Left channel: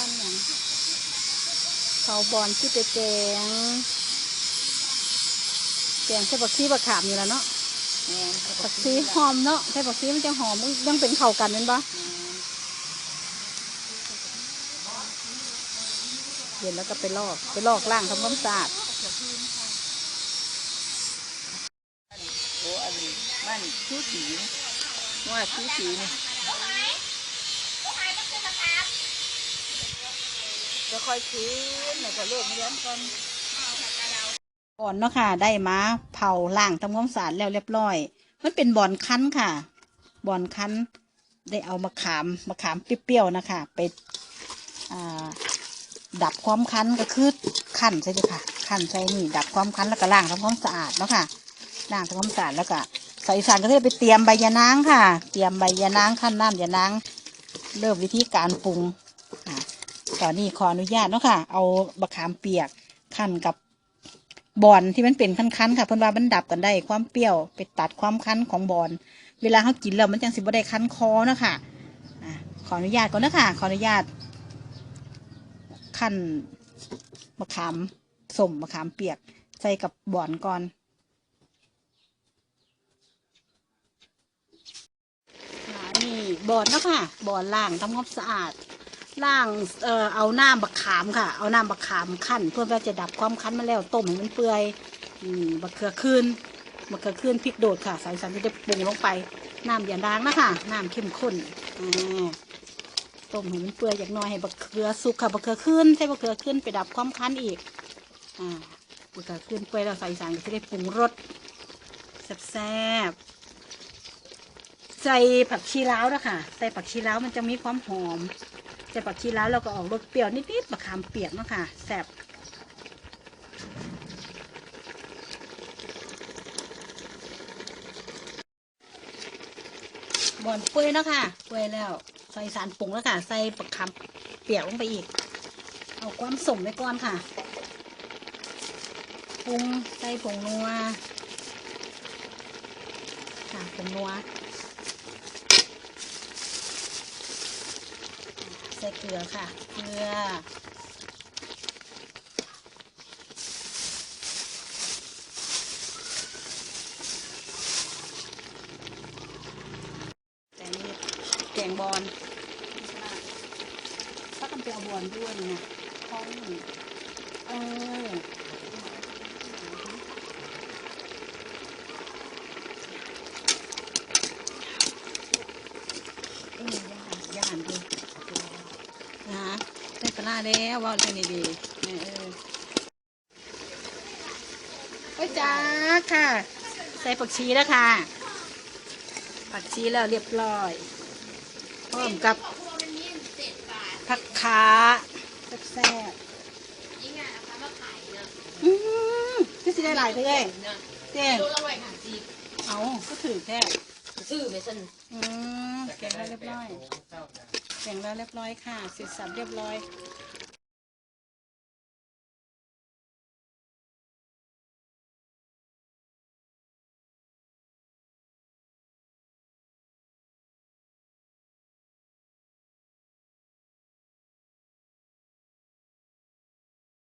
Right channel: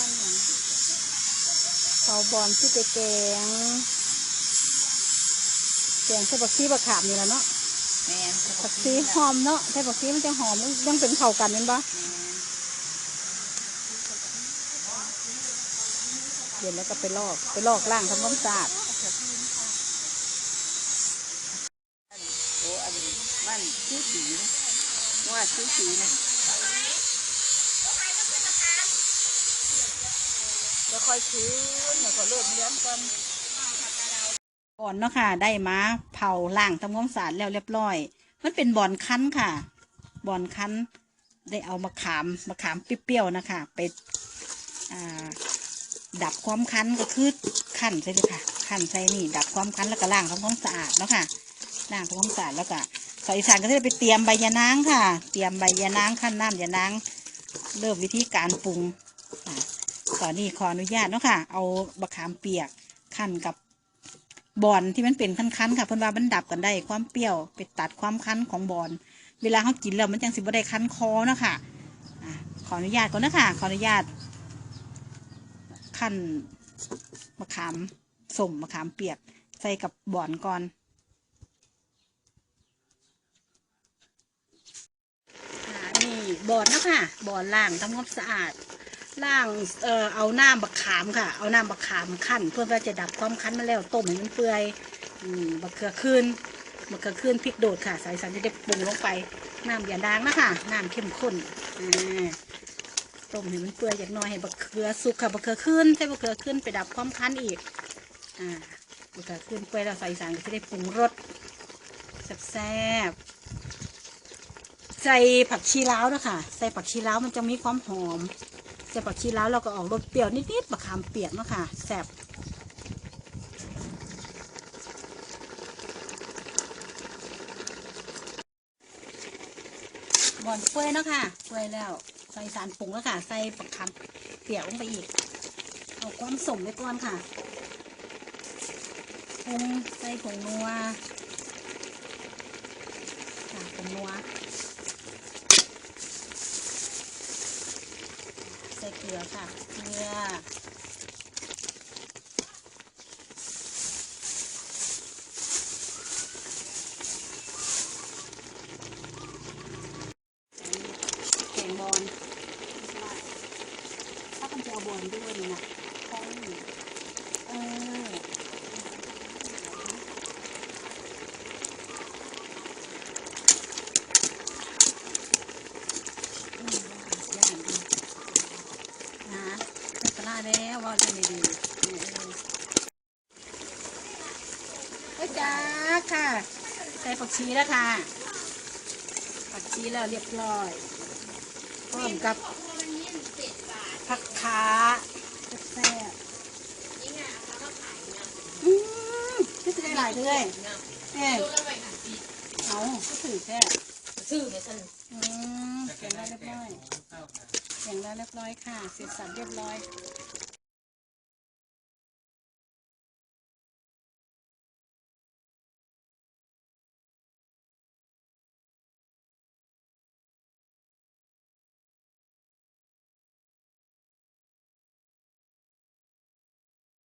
ปั้นหยังเขาบอลที่ไปแกง แกงใส่บักซีบักขามนี่แหละเนาะแม่นบักซีหอมเนาะใส่บักซีมันจะหอมยังเป็นเข่ากันเป็นปะเย็นแล้วก็ไปลอกไปลอกล่างทำความสะอาดโอ้อันนี้บ้านชื่อสีนะว่าชื่อสีนี่จ ค่อยคืนแล้วก็เลิกเลี้ยงกันก่อนเนาะค่ะ ได้มาเผาล่างทำความสะอาดแล้วเรียบร้อย มันเป็นบอนคั้นค่ะบอนคั้น ได้เอามะขามมะขามเปรี้ยวๆนะคะไปดับความคั้นก็คือขั้นใช่เลยค่ะขั้นใส่นี่ ดับความคั้นแล้วก็ล้างทำความสะอาดเนาะค่ะล้างทำความสะอาดแล้วก็ใส่สารก็จะไปเตรียมใบยะนางค่ะ เตรียมใบยะนางขั้นน้ำยะนางเริ่มวิธีการปรุงอ่า ตอนนี้ขออนุญาตเนาะค่ะ เอามะขามเปียกขั้นกับบอนที่มันเป็นคั้นๆค่ะเพื่อนว่ามันดับกันได้ความเปรี้ยวไปตัดความคั้นของบอนเวลาเขากินแล้วมันจังสิบ่ได้คั้นคอเนาะค่ะอ่าขออนุญาตก่อนนะคะขออนุญาตขั้นมะขามสมมะขามเปียกใส่กับบอนก่อนค่ะนี่บอนเนาะค่ะบอนล่างทำความสะอาด ล่างเอ่อเอาน้ำมะขามค่ะ เอาน้ำมะขามขั้นเพื่อว่าจะดับความคั้นมาแล้วต้มให้มันเปื่อยอืมมะเขือคืนมะเขือคืนพริกโดดค่ะ ใส่สันจะได้ปรุงลงไปน้ำอย่าดางนะคะน้ำเข้มข้นอ่าต้มให้มันเปื่อยจากหน้อยให้บักเขือสุกค่ะบักเขือขึ้นใส่บักเขือขึ้นไปดับความคั้นอีกอ่าบักเขือขึ้นเปื่อยเราใส่สารก็จะได้ปรุงรสแซ่บใส่ผักชีล้าวด้วยค่ะใส่ผักชีล้าวมันจะมีความหอม ใส่ผักชีแล้วเราก็ออกรสเปรี้ยวนิดๆมะขามเปียกเนาะค่ะแซ่บบอนเปื่อยเนาะค่ะเปื่อยแล้ว ใส่สารปรุงแล้วค่ะ ใส่ปักคำเปียกลงไปอีกเอาความสมไว้ก่อนค่ะปรุงใส่ผงนัวค่ะผงนัว ใส่เกลือค่ะ เกลือ แกงแกงบอลถ้าต้องจะเอบอลด้วยเนี่ยเขาเอออืมย่านดูนะได้ปลาร้า แล้วว่าจะดีดีๆเออก็จ้าค่ะ ใส่ผักชีแล้วค่ะ ผักชีแล้วเรียบร้อยพร้อมกับผักขาแซ่บๆอืมพี่สิได้หลายเลยเจ๊เอาก็ถือแค่ชื่อไม่สนอืมแกงแล้วเรียบร้อย แกงแล้วเรียบร้อยค่ะเสร็จสับเรียบร้อย